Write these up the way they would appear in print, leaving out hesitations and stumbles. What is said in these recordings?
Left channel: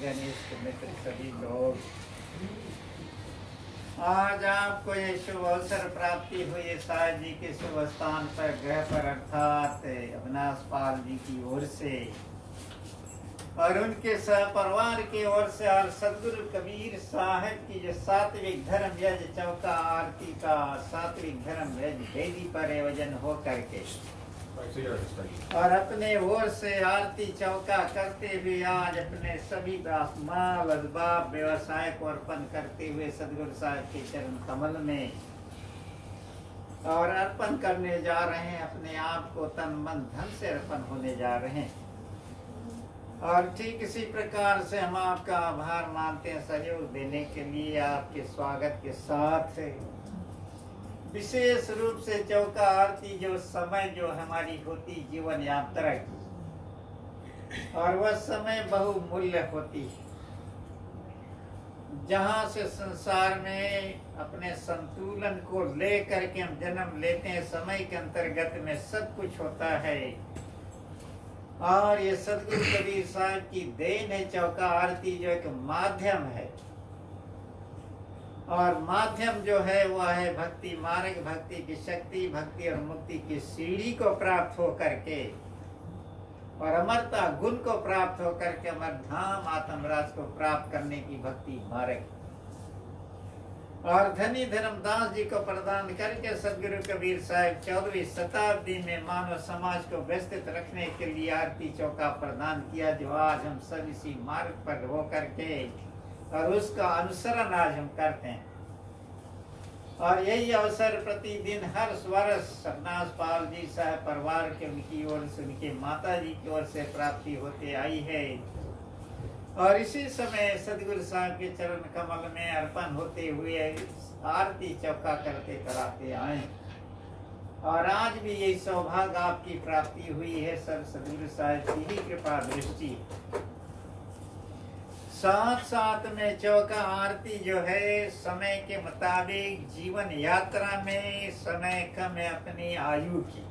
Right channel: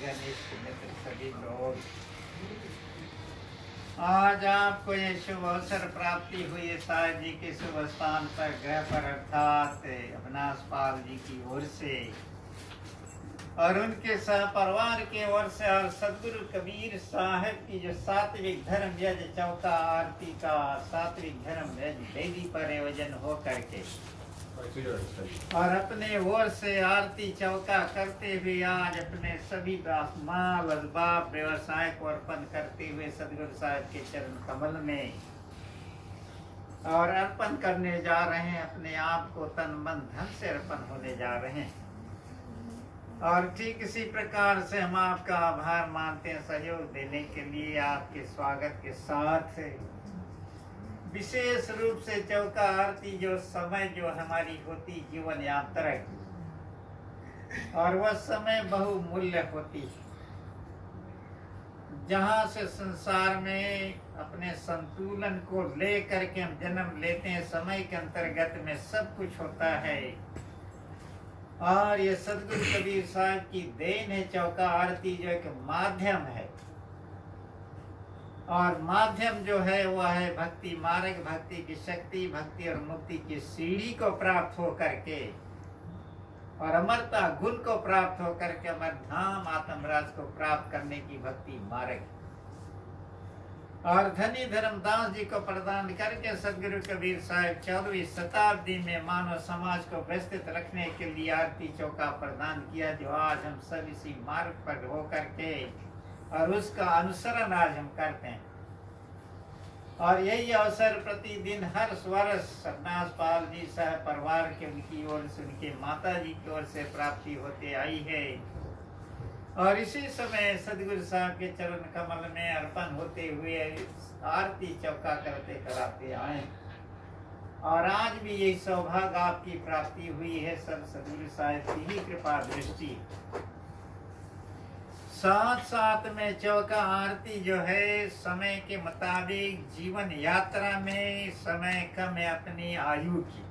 घनिष्ठ मित्र सभी लोग, आज आपको ये शुभ अवसर प्राप्ति हुई साहब जी के शुभ स्थान पर ग्रह पर अर्थात अविनाश पाल जी की ओर से और उनके सहपरिवार की ओर से और सदगुरु कबीर साहब की जो सात्विक धर्म यज्ञ चौका आरती का सात्विक धर्म यज्ञ वेदी पर आयोजन हो करके और अपने ओर से आरती चौका करते हुए आज अपने सभी माल असबाब व्यवसाय को अर्पण करते हुए सदगुरु साहब के चरण कमल में और अर्पण करने जा रहे हैं। अपने आप को तन मन धन से अर्पण होने जा रहे हैं और ठीक इसी प्रकार से हम आपका आभार मानते हैं सहयोग देने के लिए। आपके स्वागत के साथ विशेष रूप से चौका आरती जो समय जो हमारी होती जीवन यात्रा की और वह समय बहुमूल्य होती है, जहाँ से संसार में अपने संतुलन को लेकर के हम जन्म लेते हैं। समय के अंतर्गत में सब कुछ होता है और ये सदगुरु कबीर साहब की देन है। चौका आरती जो एक माध्यम है और माध्यम जो है वह है भक्ति मार्ग, भक्ति की शक्ति, भक्ति और मुक्ति की सीढ़ी को प्राप्त हो करके और अमरता गुण को प्राप्त हो करके अमर धाम आत्मराज को प्राप्त करने की भक्ति मार्ग और धनी धर्मदास जी को प्रदान करके सदगुरु कबीर साहब 14वीं शताब्दी में मानव समाज को व्यवस्थित रखने के लिए आरती चौका प्रदान किया, जो आज हम सब इसी मार्ग पर हो करके और उसका अनुसरण आज हम करते हैं। और यही अवसर प्रतिदिन हर वर्ष अविनाश पाल जी साहब परिवार के उनकी ओर से उनके माता जी की ओर से प्राप्ति होते आई है और इसी समय सदगुरु साहब के चरण कमल में अर्पण होते हुए आरती चौका करते कराते आए और आज भी यही सौभाग्य आपकी प्राप्ति हुई है। सब सदगुरु साहब की ही कृपा दृष्टि। साथ साथ में चौका आरती जो है समय के मुताबिक जीवन यात्रा में समय कम है अपनी आयु की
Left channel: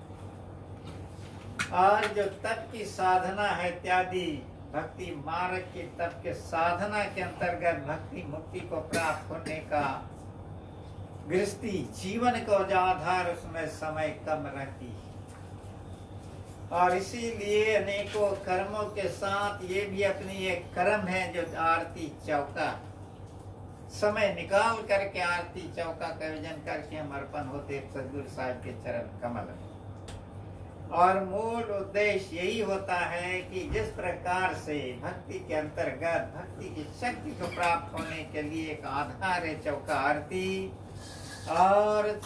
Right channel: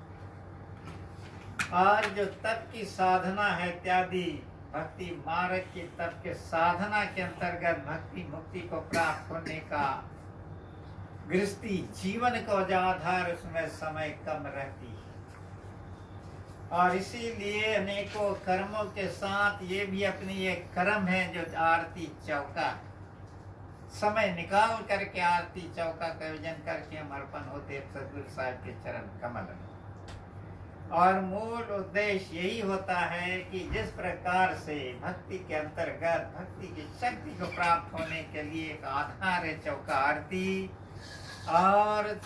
और जो तप की साधना है इत्यादि भक्ति मार्ग की तप के साधना के अंतर्गत भक्ति मुक्ति को प्राप्त होने का गृहस्थी जीवन को जो आधार उसमें समय कम रहती है और इसीलिए अनेकों कर्मों के साथ ये भी अपनी एक कर्म है जो आरती चौका समय निकाल करके आरती चौका का आयोजन करके हम अर्पण होते सदगुरु साहब के चरण कमल में। और मूल उद्देश्य यही होता है कि जिस प्रकार से भक्ति के अंतर्गत भक्ति की शक्ति को प्राप्त होने के लिए एक आधार है चौका आरती और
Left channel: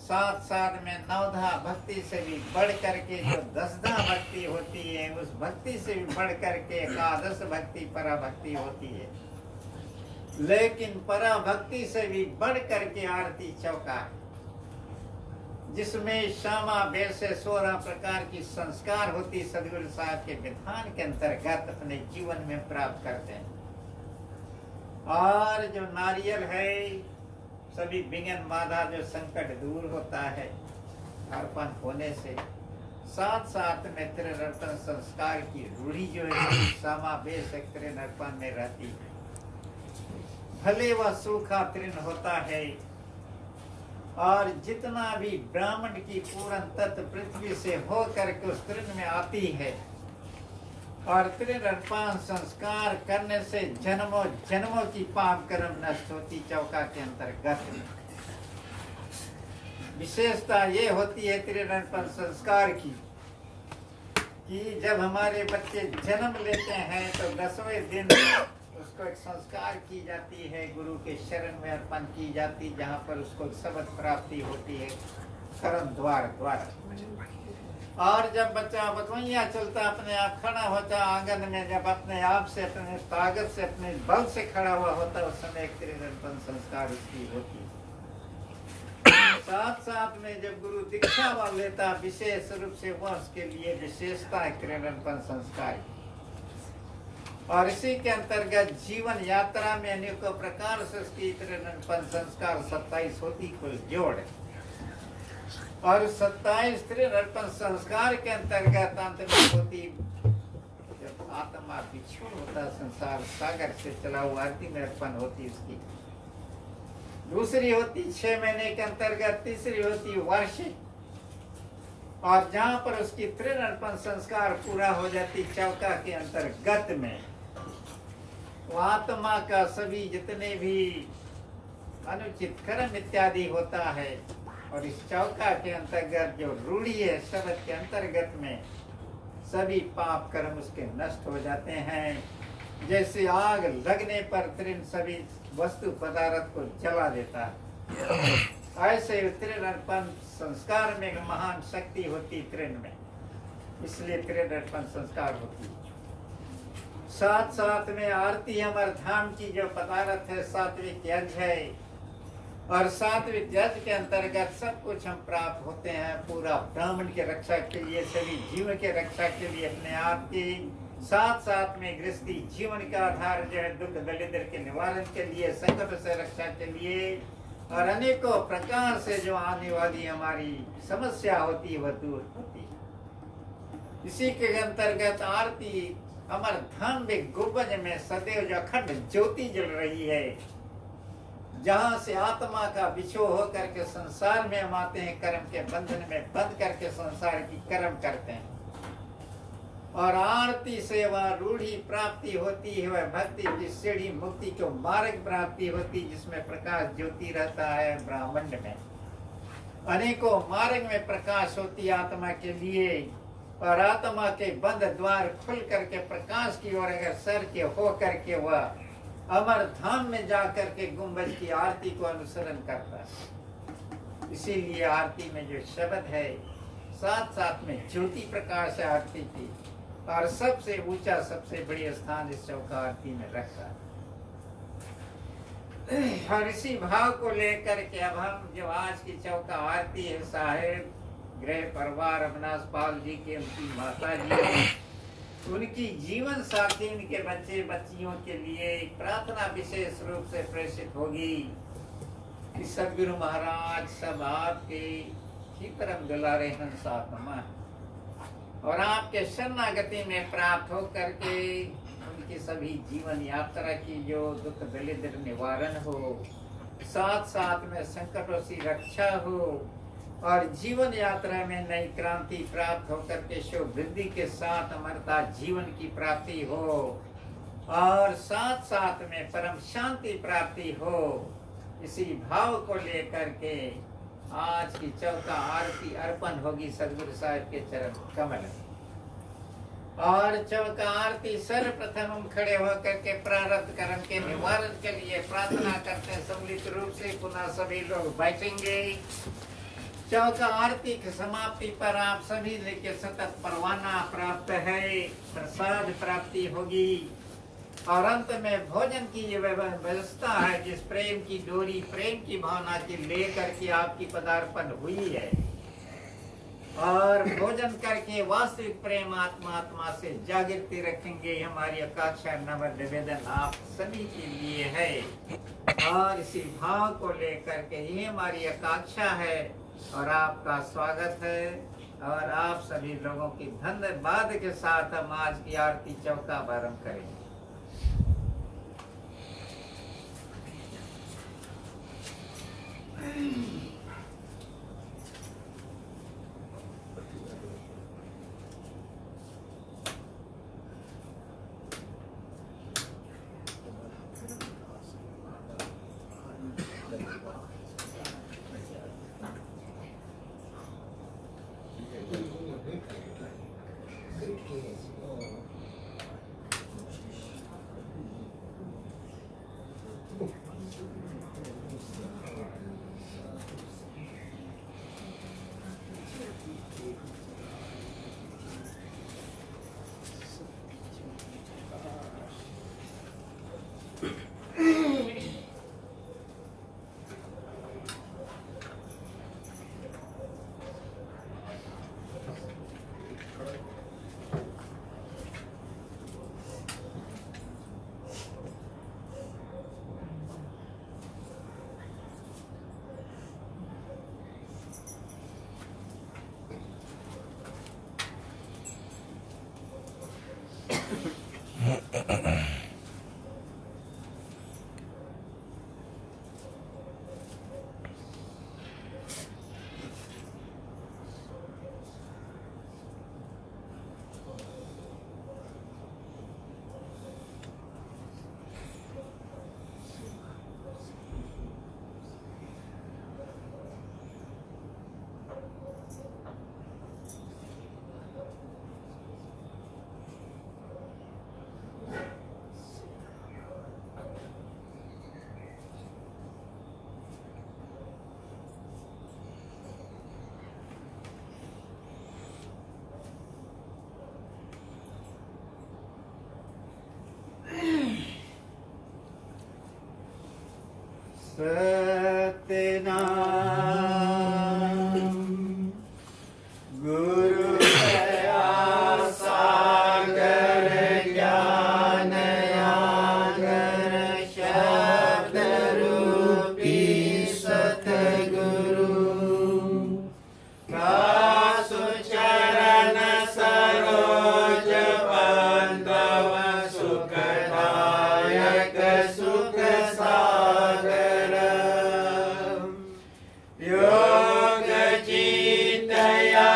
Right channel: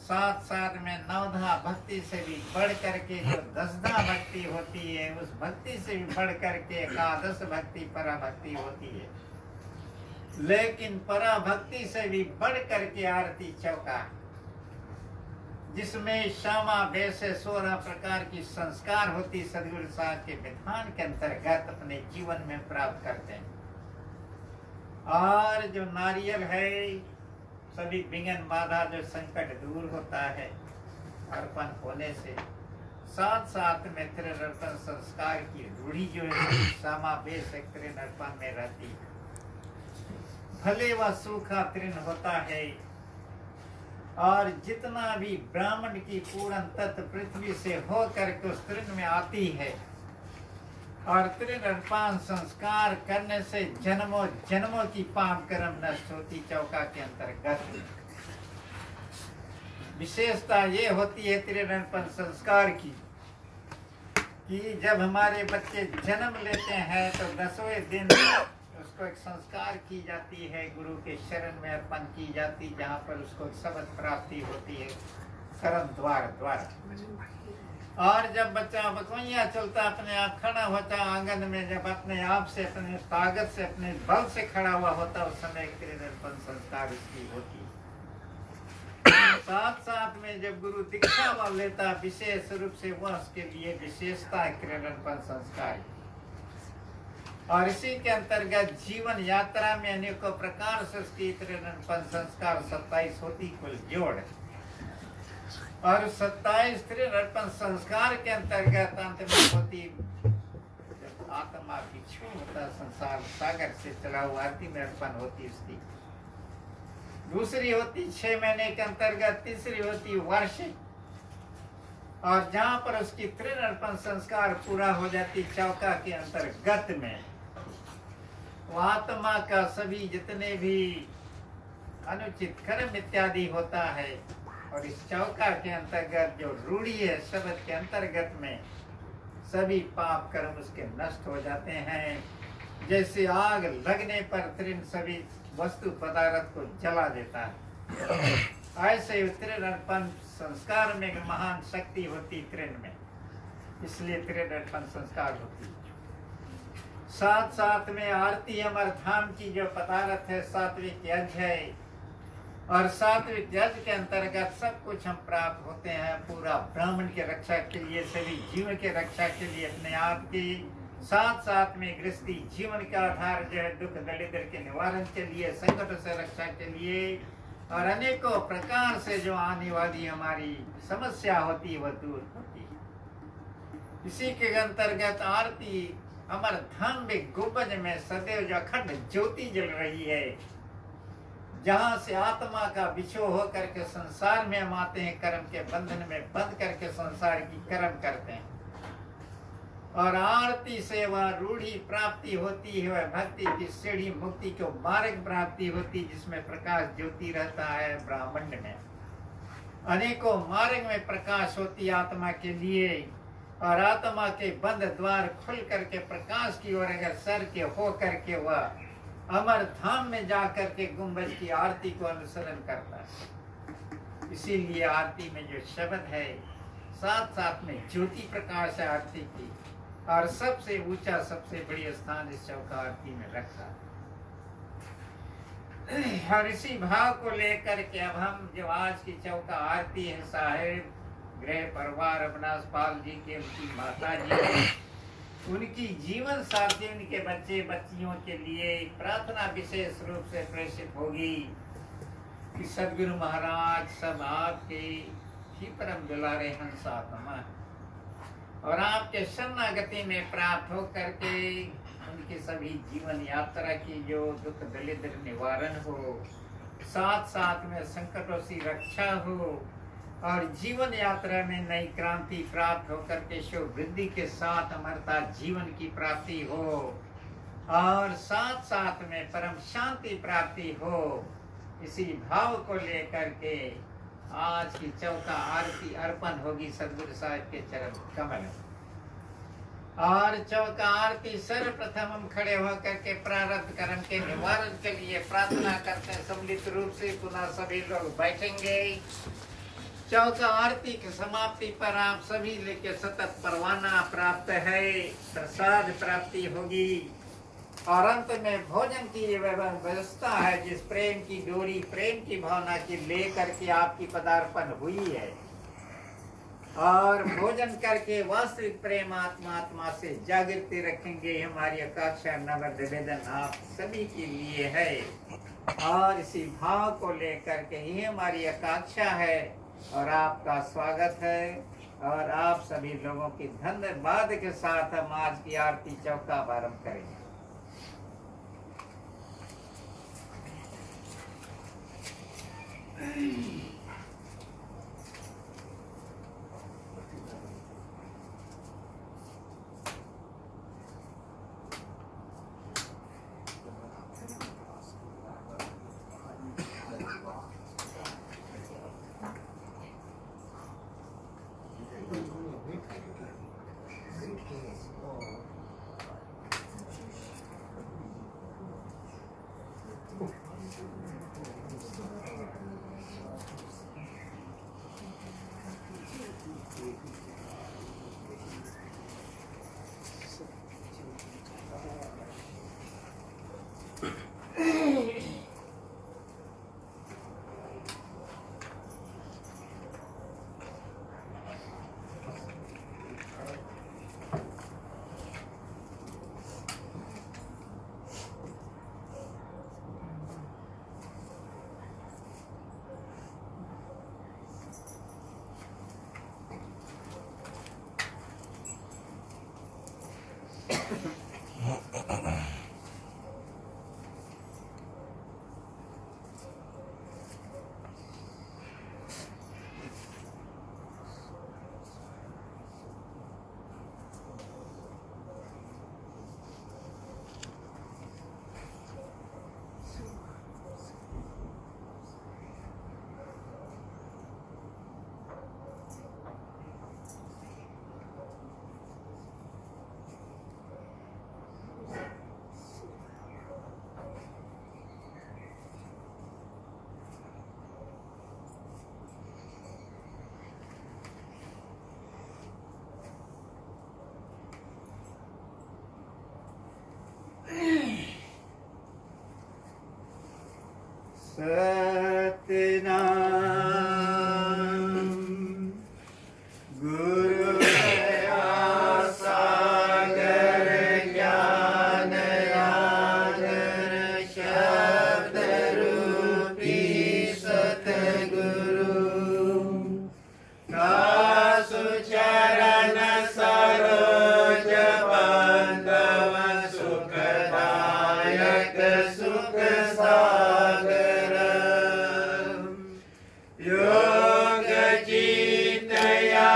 साथ साथ में नवधा भक्ति से भी बढ़ करके जो दसधा भक्ति होती है उस भक्ति से भी बढ़ करके एकादश भक्ति पराभक्ति होती है, लेकिन पराभक्ति से भी बढ़ करके आरती चौका है जिसमें श्यामा बेर से 16 प्रकार की संस्कार होती सदगुरु साहब के विधान के अंतर्गत अपने जीवन में प्राप्त करते हैं। और जो नारियल है सभी विघ्न बाधा जो संकट दूर होता है अर्पण होने से, साथ साथ में तृण अर्पण संस्कार की रूढ़ी जो है समावेश तृण अर्पण में रहती है। भले वह सूखा तृण होता है और जितना भी ब्राह्मण की पूर्ण तत्व पृथ्वी से हो करके उस तृण में आती है और तृण अर्पण संस्कार करने से जन्मों जन्मों की पाप कर्म नष्ट होती। चौका के अंतर्गत विशेषता ये होती है तृण अर्पण संस्कार की कि जब हमारे बच्चे जन्म लेते हैं तो 10वें दिन उसको एक संस्कार की जाती है, गुरु के शरण में अर्पण की जाती, जहाँ पर उसको शब्द प्राप्ति होती है कर्म द्वारा। और जब बच्चा बकवैया चलता अपने आप खड़ा होता आंगन में, जब अपने आप से अपने ताकत से अपने बल से खड़ा हुआ होता उस समय क्रीड़नपन संस्कार इसकी होती। साथ साथ में जब गुरु दीक्षा व लेता विशेष रूप से वह उसके लिए विशेषता है क्रीड़नपन संस्कार की। और इसी के अंतर्गत जीवन यात्रा में अनेकों प्रकार से उसकी क्रीड़नपन संस्कार 27 होती कुल जोड़ और 27 तृण अर्पण संस्कार के अंतर्गत अंत में होती आत्मा बिछोड़ होता है संसार सागर से चला हुआ, आरती में अर्पण होती उसकी। दूसरी होती 6 महीने के अंतर्गत, तीसरी होती वार्षिक, और जहां पर उसकी तृण अर्पण संस्कार पूरा हो जाती चौका के अंतर्गत में, वो आत्मा का सभी जितने भी अनुचित कर्म इत्यादि होता है, और इस चौका के अंतर्गत जो रूढ़ी है शब्द के अंतर्गत में, सभी पाप कर्म उसके नष्ट हो जाते हैं। जैसे आग लगने पर तृण सभी वस्तु पदार्थ को जला देता है, ऐसे तृण अर्पण संस्कार में महान शक्ति होती तृण में, इसलिए तृण अर्पण संस्कार होती। साथ साथ में आरती अमर धाम की जो पदार्थ है सात्विक यज्ञ है, और सात्विक यज्ञ के अंतर्गत सब कुछ हम प्राप्त होते हैं, पूरा ब्राह्मण के रक्षा के लिए, सभी जीव के रक्षा के लिए, अपने आप की, साथ साथ में गृहस्थी जीवन का आधार जो है दुख दरिद्र के निवारण के लिए, संकट से रक्षा के लिए, और अनेकों प्रकार से जो आने वाली हमारी समस्या होती है वह दूर होती है। इसी के अंतर्गत आरती अमर धाम में गुंबज में सदैव जो अखंड ज्योति जल रही है, जहां से आत्मा का बिछो होकर के संसार में हम आते हैं, कर्म के बंधन में बंध करके संसार की कर्म करते हैं, और आरती से वह रूढ़ी प्राप्ति होती है, वह भक्ति की सीढ़ी मुक्ति को मार्ग प्राप्ति होती, जिसमें प्रकाश ज्योति रहता है। ब्राह्मण में अनेकों मार्ग में प्रकाश होती आत्मा के लिए, और आत्मा के बंद द्वार खुल करके प्रकाश की ओर अगर सर के हो करके वह अमर धाम में जाकर के गुंबज की आरती को अनुसरण करता है। इसीलिए आरती में जो शब्द है, साथ साथ में ज्योति प्रकाश है आरती की, और सबसे ऊंचा सबसे बड़ी स्थान इस चौका आरती में रखता है। और इसी भाव को लेकर के अब हम जो आज की चौका आरती है, साहेब गृह परिवार अविनाश पाल जी के, उनकी माता जी, उनकी जीवन साथी, उनके बच्चे बच्चियों के लिए प्रार्थना विशेष रूप से प्रेषित होगी कि सदगुरु महाराज सब आपके ही परम दुलारे हंस आत्मा, और आपके शरणागति में प्राप्त हो करके उनकी सभी जीवन यात्रा की जो दुख दरिद्र निवारण हो, साथ साथ में संकटों से रक्षा हो, और जीवन यात्रा में नई क्रांति प्राप्त होकर के शोभ वृद्धि के साथ अमरता जीवन की प्राप्ति हो, और साथ साथ में परम शांति प्राप्ति हो। इसी भाव को लेकर के आज की चौका आरती अर्पण होगी सदगुरु साहिब के चरण कमल। और चौका आरती सर्वप्रथम हम खड़े होकर के प्रारब्ध कर्म के निवारण के लिए प्रार्थना करते हैं सम्मिलित रूप से। पुनः सभी लोग बैठेंगे। चौका आरती की समाप्ति पर आप सभी लेके सतत परवाना प्राप्त है, प्रसाद प्राप्ति होगी, और अंत में भोजन की ये व्यवस्था है, जिस प्रेम की डोरी प्रेम की भावना की लेकर के आपकी पदार्पण हुई है, और भोजन करके वास्तविक प्रेम आत्मा से जागृति रखेंगे। हमारी आकांक्षा नव निवेदन आप सभी के लिए है, और इसी भाव को लेकर के ही हमारी आकांक्षा है, और आपका स्वागत है, और आप सभी लोगों की धन्यवाद के साथ हम आज की आरती चौका आरंभ करेंगे। सतनाम। गुरु दया सागर ज्ञान आगर शब्द रूपी सतगुरु दासु चरण सरोज बांधव सुखदायक सुख सागर योग जीत या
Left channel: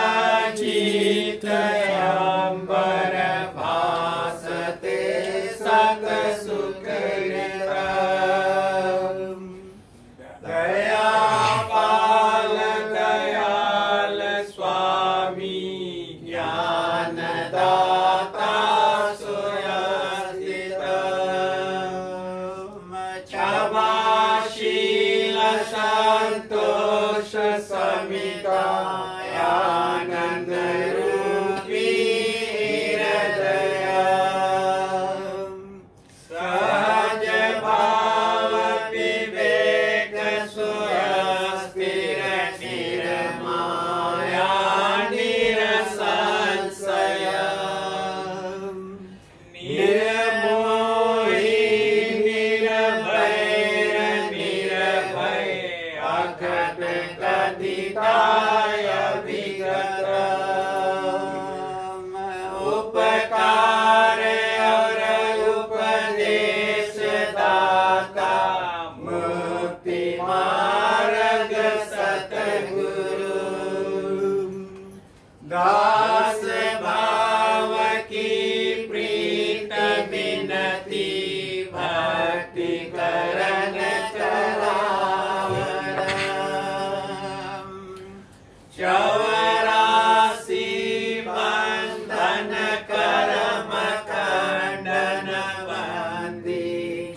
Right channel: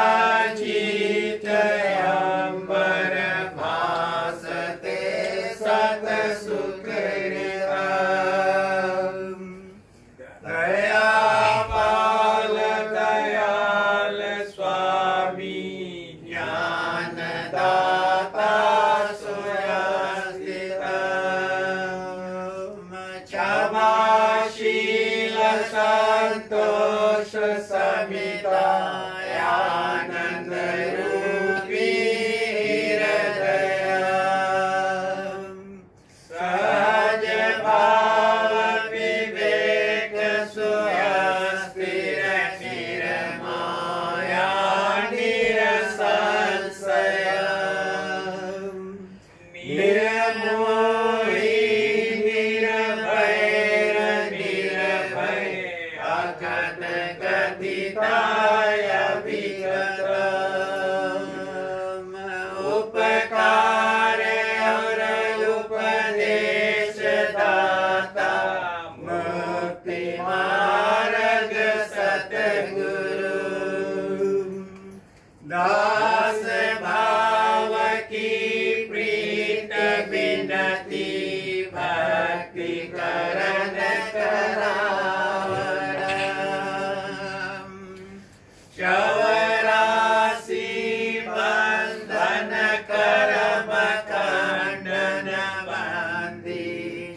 जीत अंबर भासते सत सुख दया पाल दयाल स्वामी ज्ञान दाता सुरस्थित क्षमाशील संतोष समिता आनंद रूपी हृदय सहज भाव विवेक सुस्थिर चिर माया निरसंशय निर्मोही निर्भय अखंड कथिताय विगत उपकार और उपदेश दाता मुक्ति मार्ग सतगुरु दास भाव की प्रीत विनती भक्ति करण करावन चौरासी बंधन कर्म खंडन बंदी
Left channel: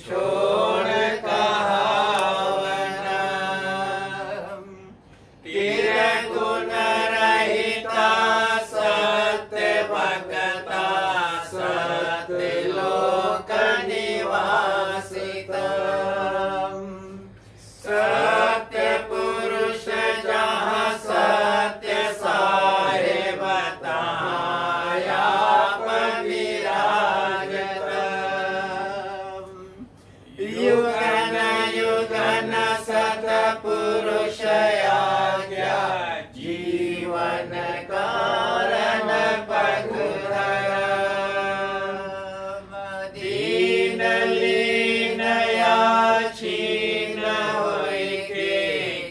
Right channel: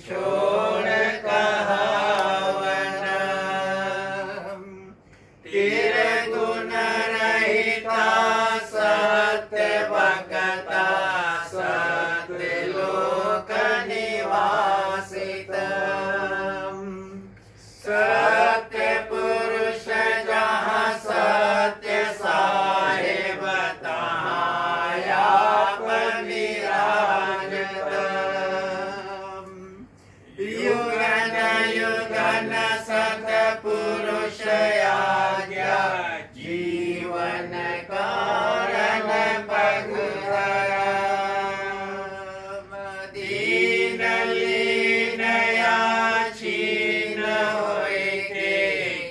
छोड़ कहावन गुण रहिता सत्य भक्ता सत्य लोक निवासित सत्य पुरुष जहाँ सत्य साहेब तहाँ आप विराजत युगन युगन सतपुरुष आज्ञा जीवन कारण पगुरम दीन लीन या छीन होय के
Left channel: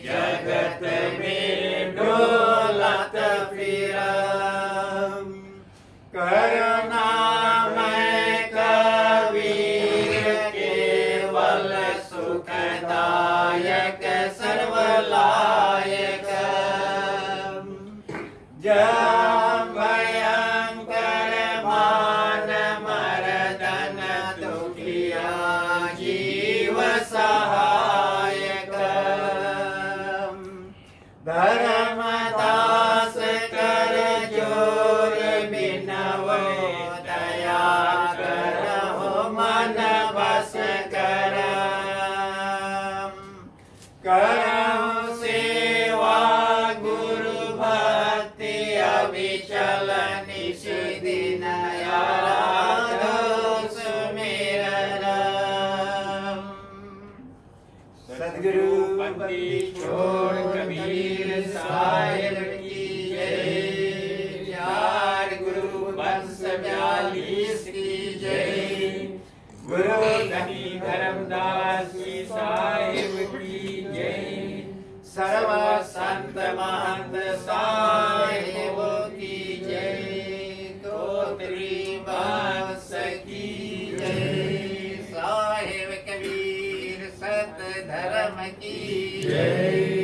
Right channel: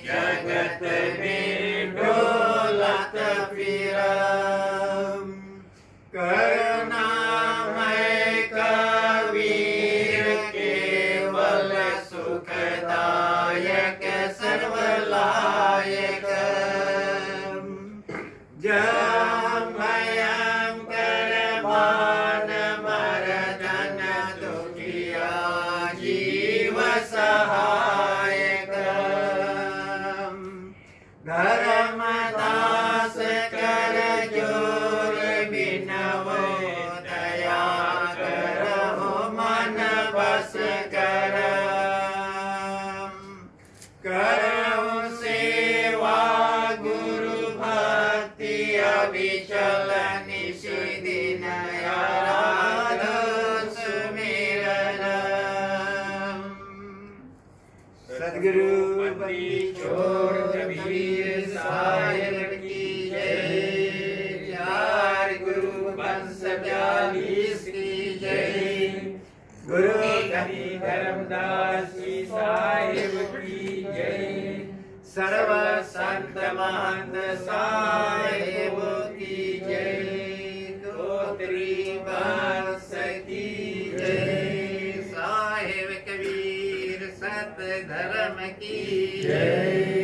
जगत में डोलत फिरम करुणामय कबीर केवल सुखदायक सर्वलायक जम भयंकर मान मर्दन दुखिया जीव सहायक धर्मदास कर जोर बिनवो दया करहो मन बस करहु सेवा गुरु भक्ति अविचल निशि दिन आराधो सुमिरन सद्गुरु बंदी छोड़ कबीर साहिब की जय यार गुरु वंश 42 की जय गुरु धनी धर्मदास जी साहिब की जय सर्व संत महंत साहिब की जय धोत्री वंश की जय साहिब कबीर सत धर्म की जय।